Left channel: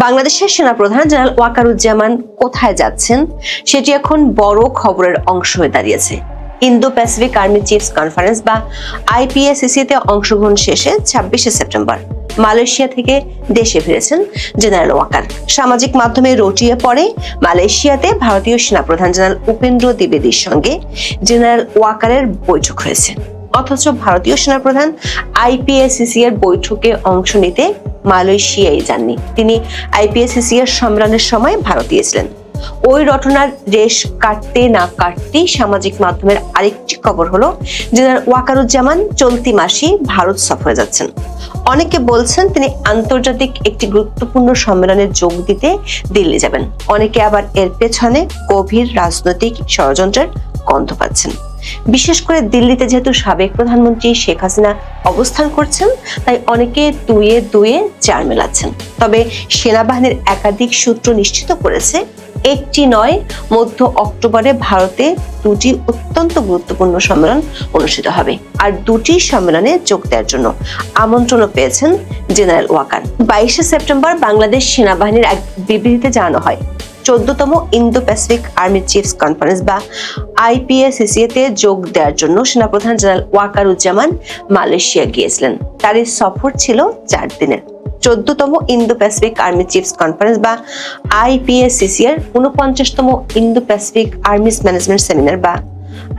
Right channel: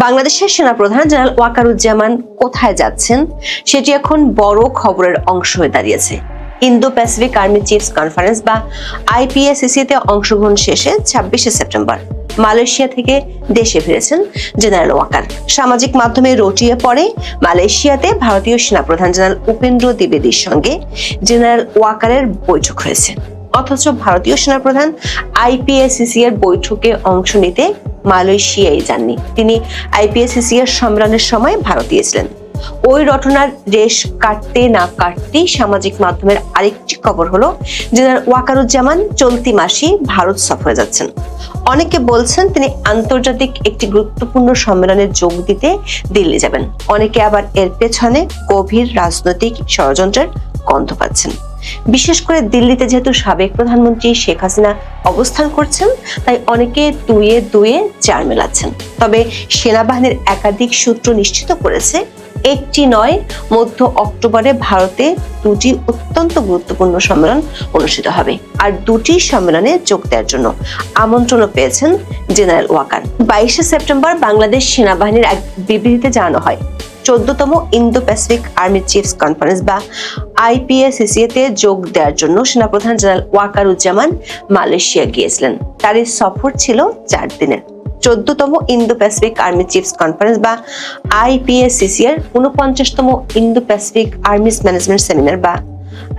বাংলাদেশের সেনাপ্রধান জেনারেল ওয়াকারুজ্জামান কোথায় যাচ্ছেন সেটি এখন বড় খবরের অংশ হয়ে দাঁড়িয়েছে। Indo Pacific army chiefs conference বা আইপিএসসি তে অংশগ্রহণ শেষে 26শে সেপ্টেম্বর মালয়েশিয়া থেকে দেশে ফিরেছেন জেনারেল ওয়াকার। সামাজিক মাধ্যমে রটিয়ে পড়ে মালয়েশিয়াতে ভারতীয় সেনাপ্রধান জেনারেল উপেন্দ্র দ্বিবেদীর সঙ্গে জেনারেল ওয়াকারের বৈঠক হয়েছে। অথচ ভারতীয় সেনাপ্রধান আইপিএসসি এর বৈঠকে অংশ নিতে মালয়েশিয়ায় যাননি। তিনি আইপিএসসি এর সম্মেলনের সময় ভারতে ছিলেন। ওই রটনার রেশ কাটতে না কাটতেই সামাজিক মাধ্যমের আরেকটি খবর হলো জেনারেল ওয়াকারুজ্জামান চলতি মাসেই ভারত সফরে যাচ্ছেন। অনেকে বলছেন তিনি আন্তর্জাতিক একটি গুরুত্বপূর্ণ সম্মেলনে যোগ দিতে দিল্লি যাবেন। অনেকে আবার এর পেছনে গভীর রাজনৈতিক ষড়যন্ত্রের গন্ধ পাচ্ছেন। বিশেষ করে দিল্লিতে যেহেতু সাবেক প্রধানমন্ত্রী শেখ হাসিনা অবস্থান করছেন, তাই অনেকে দুয়ে দুয়ে চার মেলাচ্ছেন। তবে সেনাবাহিনীর একাধিক সূত্র নিশ্চিত করেছে একটি নয়, মধ্য অক্টোবরে ভারতে দুটি অত্যন্ত গুরুত্বপূর্ণ সম্মেলন অনুষ্ঠিত হবে। আর দুটি সম্মেলনে যোগ দেওয়ার জন্য আমন্ত্রণও পেয়েছেন জেনারেল ওয়াকার। 22শে সেপ্টেম্বর বাংলাদেশ সেনাবাহিনীর এক বিবৃতিতে জানানো হয়, 14তম Indo Pacific army chiefs conference বা আইপিএসসি তে যোগ দেওয়ার জন্য সেনাপ্রধান জেনারেল ওয়াকারুজ্জামান মালয়েশিয়া গিয়েছিলেন। তার এই সফর ছিল 4 দিনের। 14তম Indo Pacific army chiefs conference বা আইপিএসসি এর 49তম Indo Pacific armies management seminar বা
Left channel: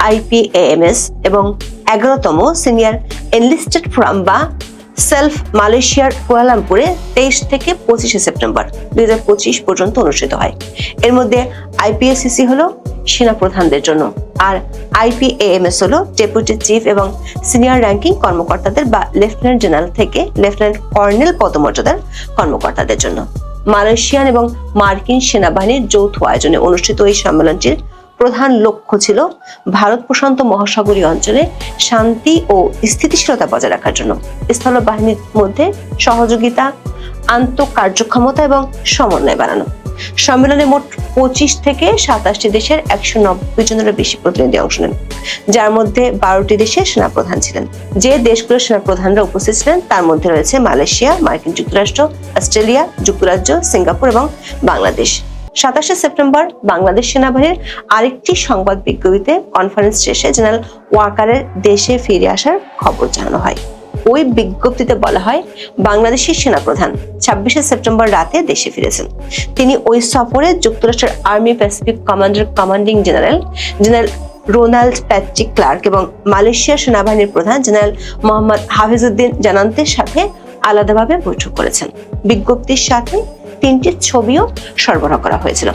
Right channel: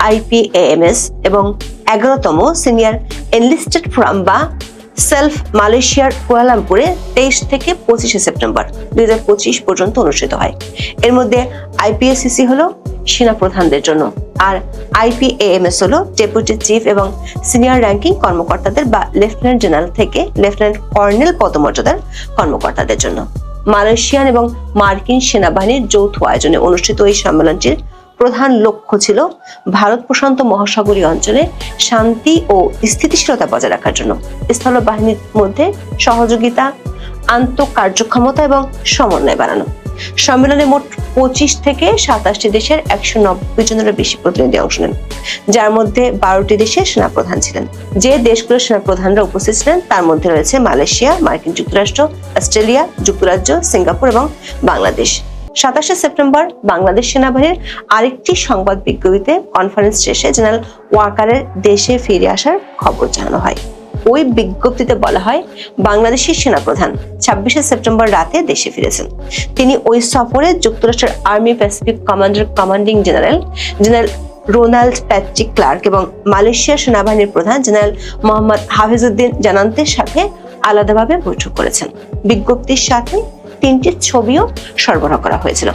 আইপিএএমএস এবং 11তম সিনিয়র এনলিস্টেড ফোরাম বা সেলফ মালয়েশিয়ার কুয়ালালামপুরে 23 থেকে 25শে সেপ্টেম্বর 2025 পর্যন্ত অনুষ্ঠিত হয়। এর মধ্যে আইপিএসসি হলো সেনাপ্রধানদের জন্য, আর আইপিএএমএস হলো ডেপুটি চিফ এবং সিনিয়র র্যাঙ্কিং কর্মকর্তাদের বা লেফটেন্যান্ট জেনারেল থেকে লেফটেন্যান্ট কর্নেল পদমর্যাদার কর্মকর্তাদের জন্য। মালয়েশিয়ান এবং মার্কিন সেনাবাহিনীর যৌথ আয়োজনে অনুষ্ঠিত এই সম্মেলনটির প্রধান লক্ষ্য ছিল ভারত প্রশান্ত মহাসাগরীয় অঞ্চলে শান্তি ও স্থিতিশীলতা বজায় রাখার জন্য স্থল বাহিনীর মধ্যে সহযোগিতা, আন্তঃকার্যক্ষমতা এবং সমন্বয় বাড়ানো। সম্মেলনে মোট 25 থেকে 27টি দেশের 190 জনেরও বেশি প্রতিনিধি অংশ নেন, যার মধ্যে 12টি দেশের সেনাপ্রধান ছিলেন। যে দেশগুলোর সেনাপ্রধানরা উপস্থিত ছিলেন তার মধ্যে রয়েছে মালয়েশিয়া, মার্কিন যুক্তরাষ্ট্র, অস্ট্রেলিয়া, যুক্তরাজ্য, সিঙ্গাপুর এবং বাংলাদেশ। 27শে সেপ্টেম্বর বাংলাদেশ সেনাবাহিনীর আরেকটি সংবাদ বিজ্ঞপ্তিতে কনফারেন্স শেষে জেনারেল ওয়াকারের দেশে ফিরে আসার খবর জানানো হয়। ওই বিজ্ঞপ্তিতে বলা হয়, বাংলাদেশের সেনাপ্রধান 26শে সেপ্টেম্বর রাতে দেশে ফিরেছেন। তিনি ওই সফরে যুক্তরাষ্ট্রের army pacific commander commanding general Ronald Patrick Clark এবং মালয়েশিয়া সেনাবাহিনীর প্রধান জেনারেল মোহাম্মদ হাফিজউদ্দিন জানান্তির সাথে আলাদাভাবে বৈঠক করেছেন। বিজ্ঞপ্তির সাথে 3টি ছবিও সরবরাহ করা হয়েছিল।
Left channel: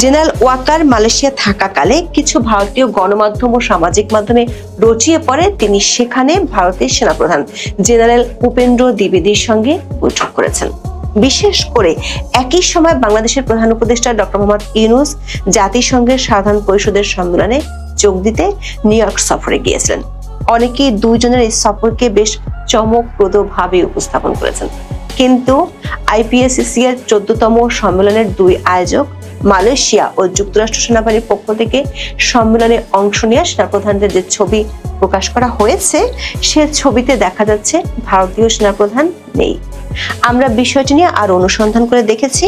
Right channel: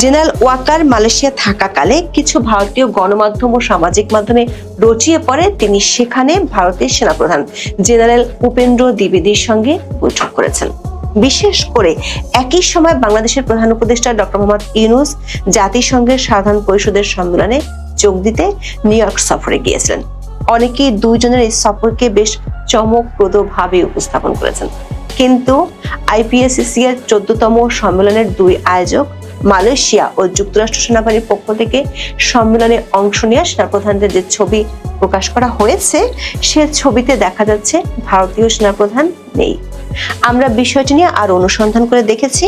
জেনারেল ওয়াকার মালয়েশিয়া থাকাকালে কিছু ভারতীয় গণমাধ্যম ও সামাজিক মাধ্যমে রচিয়ে পড়ে তিনি সেখানে ভারতের সেনাপ্রধান জেনারেল উপেন্দ্র দ্বিবেদীর সঙ্গে বৈঠক করেছেন। বিশেষ করে একই সময় বাংলাদেশের প্রধান উপদেষ্টা ডক্টর মোহাম্মদ ইউনূস জাতিসংঘের সাধারণ পরিষদের সম্মেলনে যোগ দিতে নিউ ইয়র্ক সফরে গিয়েছিলেন। অনেকেই দুইজনের এই সফরকে বেশ চমকপ্রদভাবে উপস্থাপন করেছেন, কিন্তু আইপিএসসি এর 14তম সম্মেলনের দুই আয়োজক মালয়েশিয়া ও যুক্তরাষ্ট্র সেনাবাহিনীর পক্ষ থেকে সম্মেলনে অংশ নেওয়া সেনাপ্রধানদের যে ছবি প্রকাশ করা হয়েছে, সে ছবিতে দেখা যাচ্ছে ভারতীয় সেনাপ্রধান নেই। আমরা বিষয়টি নিয়ে আরো অনুসন্ধান করে দেখেছি।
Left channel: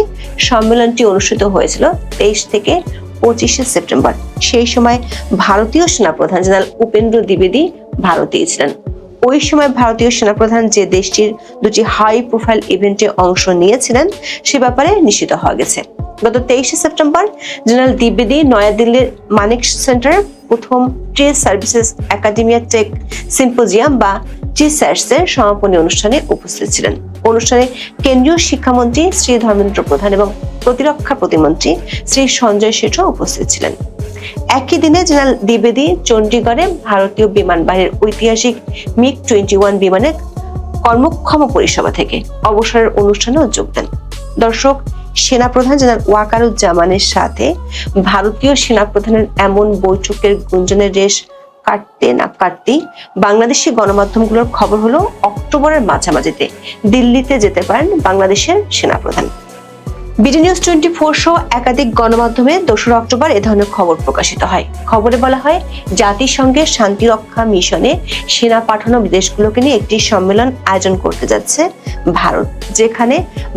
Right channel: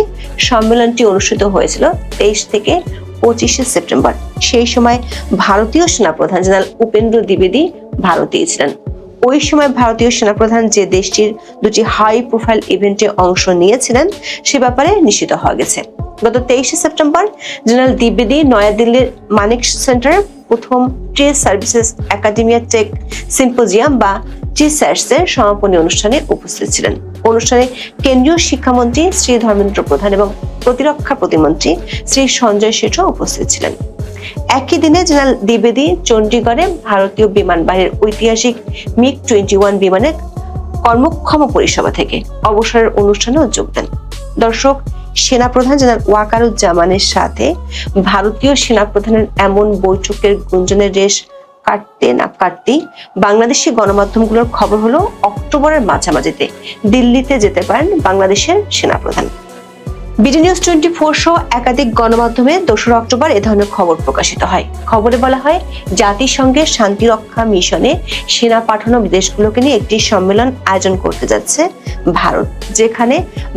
সম্মেলনটি অনুষ্ঠিত হয়েছিল 23 থেকে 25শে সেপ্টেম্বর। সেই সময় ভারতীয় সেনাপ্রধান জেনারেল উপেন্দ্র দ্বিবেদী ভারতেই ছিলেন। ওই সময় ভারতীয় সেনাপ্রধান যে দেশটির দুটি হাই প্রোফাইল ইভেন্টে অংশ নিয়েছিলেন সে ব্যাপারে নিশ্চিত হওয়া গেছে। গত 23শে সেপ্টেম্বর জেনারেল দ্বিবেদী নয়াদিল্লির মানিক সেন্টারে প্রথম trade services academia tech symposium বা টিস্যাটস এর সমাপনী অনুষ্ঠানে উপস্থিত ছিলেন। অনুষ্ঠানে কেন্দ্রীয় শিক্ষামন্ত্রী শ্রী ধর্মেন্দ্র প্রধান এবং প্রতিরক্ষা প্রতিমন্ত্রী শ্রী সঞ্জয় শেঠও উপস্থিত ছিলেন। একই দিনে জেনারেল দ্বিবেদী চণ্ডীগড়ে ভারতীয় বিমান বাহিনীর ঐতিহাসিক MiG-21 বিমানের কর্মক্ষম পরিষেবা থেকে অবসরের অনুষ্ঠানেও যোগ দেন। দর্শক, সেনাপ্রধান জেনারেল ওয়াকারুজ্জামানের সাথে ভারতীয় সেনাপ্রধানের এমন বৈঠকের গুঞ্জনের রেশ কাটতে না কাটতেই বাংলাদেশি গণমাধ্যমগুলোর খবর হলো অক্টোবরের মাঝামাঝিতে দিল্লিতে যেতে পারেন বাংলাদেশের সেনাপ্রধান। বিডি নিউজ 24 সহ একাধিক গণমাধ্যমে 2 অক্টোবর এ ধরনের খবর প্রকাশিত হয়। খবরে বলা হয়, জাতিসংঘের শান্তিরক্ষা মিশনে সেনা পাঠানো দেশগুলোকে নিয়ে একটি সম্মেলন আয়োজন করতে যাচ্ছে ভারত, যেখানে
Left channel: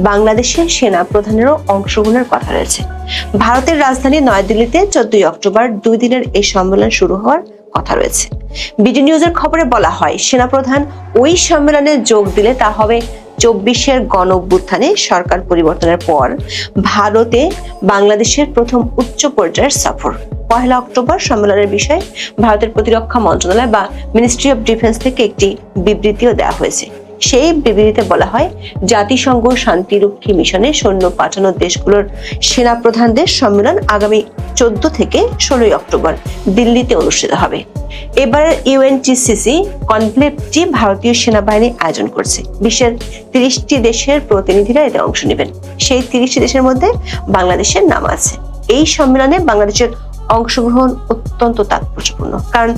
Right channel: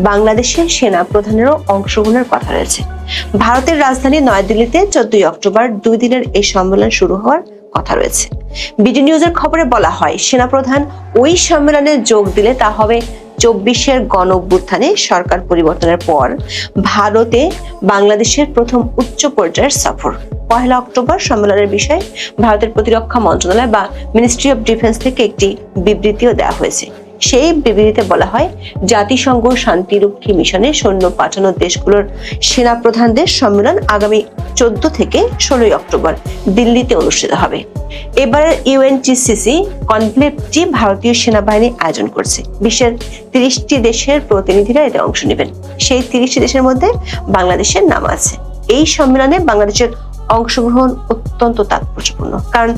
বাংলাদেশের সেনা প্রধানেরও অংশগ্রহণের কথা রয়েছে। ভারতের রাজধানী নয়াদিল্লিতে 14 অক্টোবর 2 দিনের এই সম্মেলন শুরু হওয়ার কথা রয়েছে। বিডি নিউজের খবরে বলা হয়, সেনাপ্রধান ওই সম্মেলনে যোগ দিলে তা হবে 24-এর গণঅভ্যুত্থানে সরকার পরিবর্তনের পর ভারতে বাংলাদেশের প্রথম উচ্চ পর্যায়ের সফর। 1 অক্টোবর সম্মেলনের বিষয়ে ভারতের প্রতিরক্ষা মন্ত্রণালয় বা মিনিস্ট্রি অফ ডিফেন্স থেকে একটি বিবৃতিও দেওয়া হয়েছে। সেই বিবৃতিতে বলা হয়, জাতিসংঘ শান্তিরক্ষী মিশনে সৈন্য পাঠানো দেশগুলোর সেনা প্রধানদের সম্মেলন আগামী 14 থেকে 16 অক্টোবর দিল্লিতে অনুষ্ঠিত হবে। এবারের ইউএনটিসিসি কনক্লেভটি ভারতীয় সেনাবাহিনী আয়োজন করছে। বিশ্বের 30টি দেশের প্রতিনিধিরা এতে অংশ নেবেন। সেই 30টি দেশের মধ্যে বাংলাদেশের নাম আছে। এই সম্মেলনে বাংলাদেশের অংশগ্রহণ অত্যন্ত তাৎপর্যপূর্ণ, কারণ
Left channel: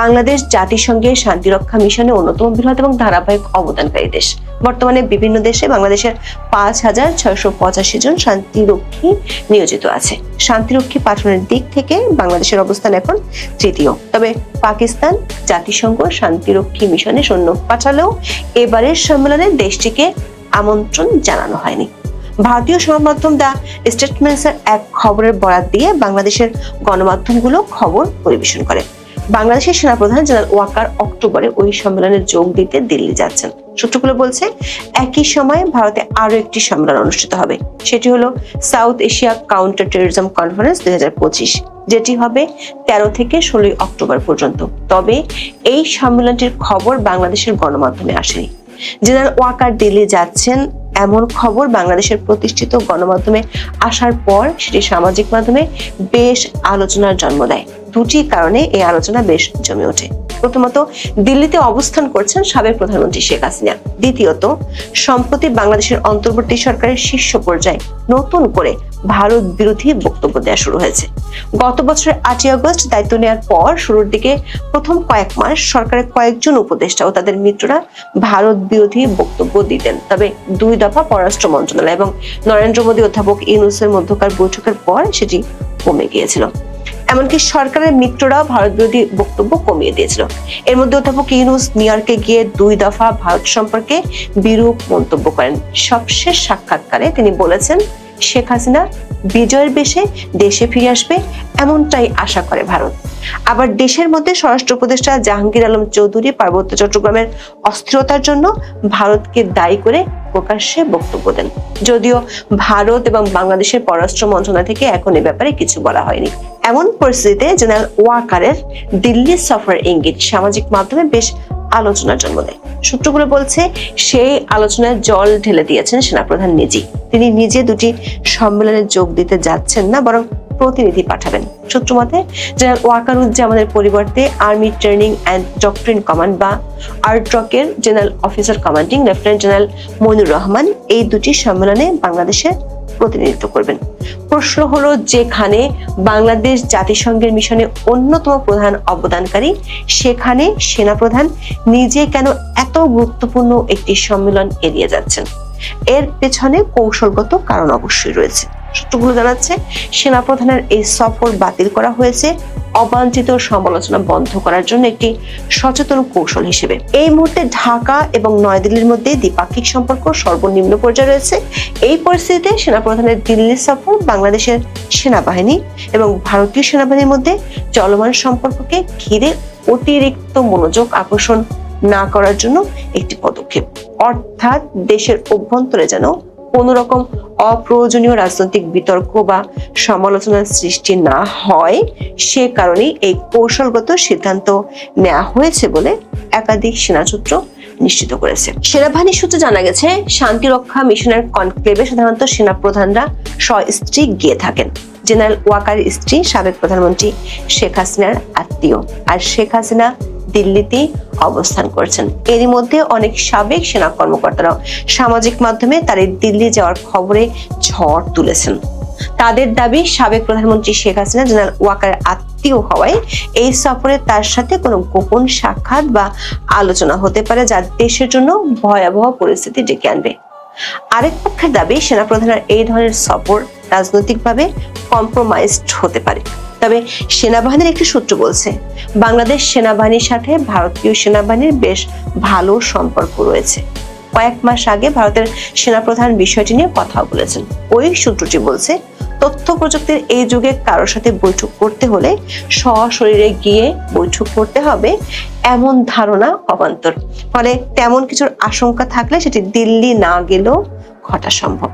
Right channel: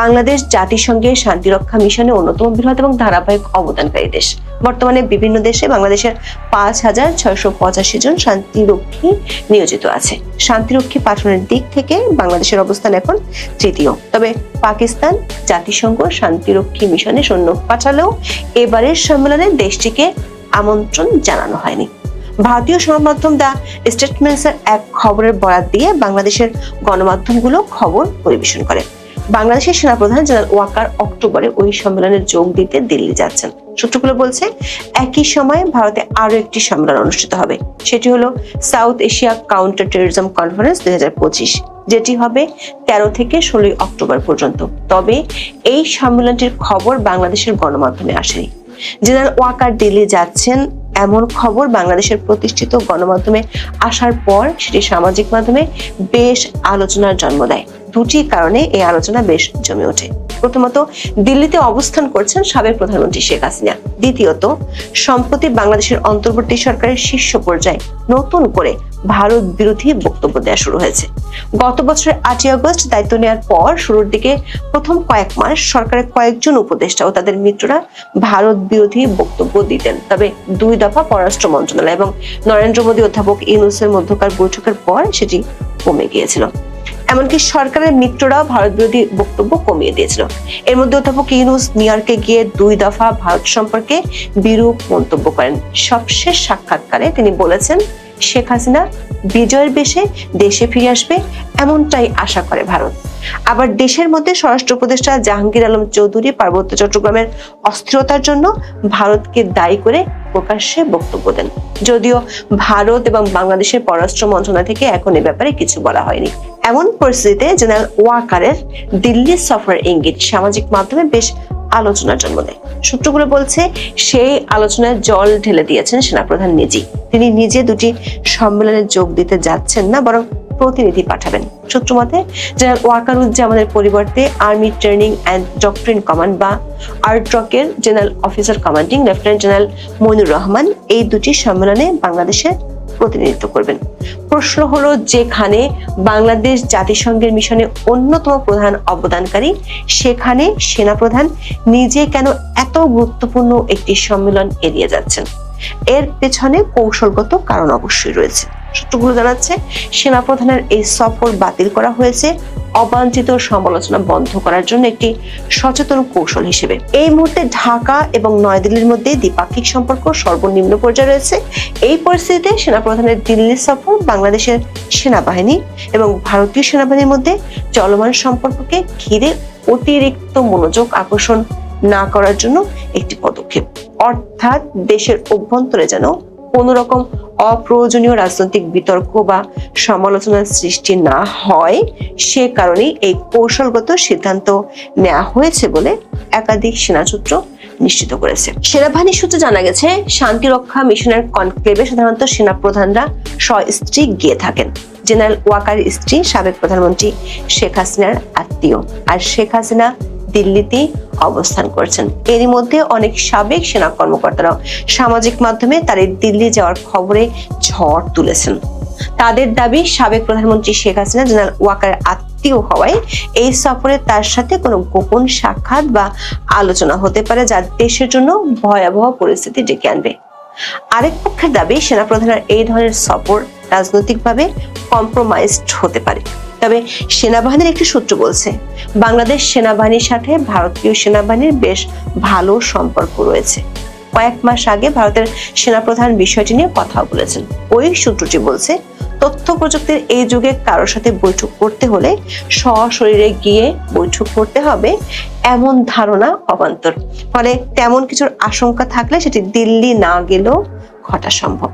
বাংলাদেশ জাতিসংঘের শান্তিরক্ষা মিশনে অন্যতম বৃহৎ এবং ধারাবাহিক অবদানকারী দেশ। বর্তমানে বিভিন্ন দেশে বাংলাদেশের 5,685 জন শান্তিরক্ষী নিয়োজিত আছে। শান্তিরক্ষী পাঠানোর দিক থেকে বাংলাদেশের অবস্থান এখন তৃতীয়। তবে পাকিস্তান জাতিসংঘ শান্তিরক্ষী মিশনে সৈন্য পাঠালেও এবারের সম্মেলনে দেশটিকে আমন্ত্রণ জানানো হয়নি। ভারতীয় সংবাদমাধ্যম দ্য স্টেটমেন্টসের এক খবরের বরাত দিয়ে বাংলাদেশের গণমাধ্যমগুলো খবর পরিবেশন করে। বাংলাদেশের সেনাপ্রধান জেনারেল ওয়াকার অক্টোবরে ওই সম্মেলনে যোগ দিতে দিল্লি যাচ্ছেন। সূত্রগুলো বলছে, একই সময়ে ভারতে আরো একটি সম্মেলন অনুষ্ঠিত হবে। সেটি হলো south Asia counter terrorism conference 2025, যেটি হবে 13 থেকে 16 অক্টোবর পর্যন্ত। তবে এই সম্মেলনটির খবর বাংলাদেশের গণমাধ্যমে আসেনি। জেনারেল ওয়াকার দিল্লি যাচ্ছেন এমন খবর বাংলাদেশের প্রতিষ্ঠিত গণমাধ্যমে আসার পর সেটি সামাজিক মাধ্যমে বেশ আলোচনার জন্ম দেয়। দুটি কারণে এই আলোচনা বেশ জমে ওঠে। প্রথমত, দিল্লিতে অবস্থান করছেন সাবেক প্রধানমন্ত্রী শেখ হাসিনা। দ্বিতীয়ত, সম্প্রতি বাংলাদেশের অন্তর্বর্তী সরকারের শীর্ষ পর্যায়ে নতুন করে ভারত বিরোধী বক্তব্য দেওয়া শুরু হয়েছে। গত বছরের 8 আগস্ট দায়িত্ব নেওয়ার পর শুরুর দিকে প্রথম কয়েক মাস সরকারের কয়েকজন উপদেষ্টা ও তাদের মিত্ররা ভারত বিরোধী বক্তব্য দিতেন। তবে 2 দফা পররাষ্ট্র মন্ত্রণালয় এবং নরেন্দ্র মোদী অধ্যাপক ইউনূসের মধ্যকার বৈঠকের পর সেটি কমে গিয়েছিল। এমনকি সরকারের মিত্ররাও ভারত বিরোধী বক্তব্য কমিয়ে দিয়েছিল। এর মধ্যে অধ্যাপক ইউনূস নিউ ইয়র্কে গিয়ে 2 দফা ভারত সম্পর্কে বিরূপ মন্তব্য করেন। সবশেষ সাক্ষাৎকারে তিনি বলেছেন, শেখ হাসিনা বিজয়ের বেশে দেশে ফিরে আসবে এমনটাই আশা করে ভারত। আবার দেশের মধ্যে স্বরাষ্ট্র উপদেষ্টা জাহাঙ্গীর আলম চৌধুরী পার্বত্য চট্টগ্রামের অস্থিরতার জন্য ভারতকে দায়ী করে প্রকাশ্যে বক্তব্য দেন। যদিও ভারত এবং বাংলাদেশের পররাষ্ট্র মন্ত্রণালয় থেকে এখন এ ব্যাপারে কিছু বলা হয়নি। এমন পরিস্থিতিতে জেনারেল ওয়াকারের দিল্লি সফরের ইঙ্গিত সামাজিক মাধ্যমে বেশ আলোচনার জন্ম দেয়। সূত্রগুলো বলছে, সেই আলোচনায় জল ঢেলে দিয়েছেন সেনাপ্রধান নিজেই। তিনি নিজে দুটি সম্মেলনে যোগ দিতে যাচ্ছেন না, বরং প্রতিনিধি পাঠাবেন। সূত্র মতে, জেনারেল ওয়াকারুজ্জামানের পরিবর্তে army training and doctrine command বা আরট্রকের general officer commanding lieutenant general Moinur Rahman এই দুটি সম্মেলনে বাংলাদেশের প্রতিনিধিত্ব করবেন। প্রশ্ন হলো, যেখানে বাংলাদেশ জাতিসংঘের মিশনে অন্যতম প্রধান অবদানকারী, সেখানে সেনাপ্রধান নিজে কেন এত গুরুত্বপূর্ণ একটি সম্মেলন এড়িয়ে যাচ্ছেন? এর পেছনে কৌশলগত কারণ অবশ্যই রয়েছে। সূত্রগুলো জানাচ্ছে, সেনাপ্রধানের এই সফর বাতিল করা হয়েছে অবাঞ্ছিত সমালোচনা বন্ধ করার জন্য একটি সচেতন কৌশল হিসেবে। এই মুহূর্তে ঢাকা এবং নয়াদিল্লির মধ্যে দ্বিপাক্ষিক সম্পর্ক সর্বনিম্ন পর্যায়ে রয়েছে। এই পরিস্থিতিতে সেনাপ্রধানের দিল্লি সফর বাংলাদেশের সেনাবাহিনী এবং ভারতীয় সেনাবাহিনীর মধ্যে চলমান সম্পর্ককে ঘিরে অতিরিক্ত মনোযোগ আকর্ষণ না করার জন্য একটি পদক্ষেপ। অর্থাৎ দেশের অভ্যন্তরে যেন কোনো রকম অপ্রয়োজনীয় রাজনৈতিক বিতর্ক বা সমালোচনার সৃষ্টি না হয়, সে কারণেই এই কৌশলগত সিদ্ধান্ত নেওয়া হয়েছে বলে একাধিক সেনা সূত্র নিশ্চিত করেছে। সেনাবাহিনী সূত্রে জানা গেছে, শান্তিরক্ষা মিশনের কনক্লেভে সাধারণত সেনা প্রধানরা স্ত্রী গিয়ে থাকেন। জেনারেল ওয়াকারের স্ত্রী সাবেক প্রধানমন্ত্রী শেখ হাসিনার আত্মীয়, আর শেখ হাসিনা দিল্লিতে অবস্থান করছেন। এরই মধ্যে অনেক সাবেক সেনা কর্মকর্তারা সামাজিক মাধ্যমে তার দিল্লি যাওয়ার খবরে ঝড় তুলেছেন। তাদের দাবি, সাবেক প্রধানমন্ত্রী শেখ হাসিনা জেনারেল ওয়াকারের আত্মীয় হওয়ায় এই সফরে তার সাথে কোনো গোপন সাক্ষাৎ বা আলোচনা হতে পারে, যা দেশের জন্য ভয়াবহ পরিস্থিতি ডেকে আনবে। আরেক পক্ষের দাবি সেনাপ্রধানের এই ধরনের সফর রাজনৈতিকভাবে কম্প্রোমাইজড হতে পারে। তবে সেনাবাহিনীর একটি সূত্র বলছে বাংলাদেশ সেনাবাহিনীর সাথে ভারতীয় সেনাবাহিনীর বেশ ভালো সম্পর্ক রয়েছে। কয়েক মাস আগে ভারতের সেনাপ্রধান বিষয়টি নিয়ে কথা বলেছেন। ওই সূত্রটি বলছে তথ্য প্রযুক্তির এই যুগে কারোর সাথে বৈঠক করতে হলে সশরীরে গিয়ে বৈঠক করতে হবে এমন ধারণা অবান্তর। ফলে তেমন কিছুর আশঙ্কা থাকলে সেটি দিল্লি না গেলেও ঘটা সম্ভব।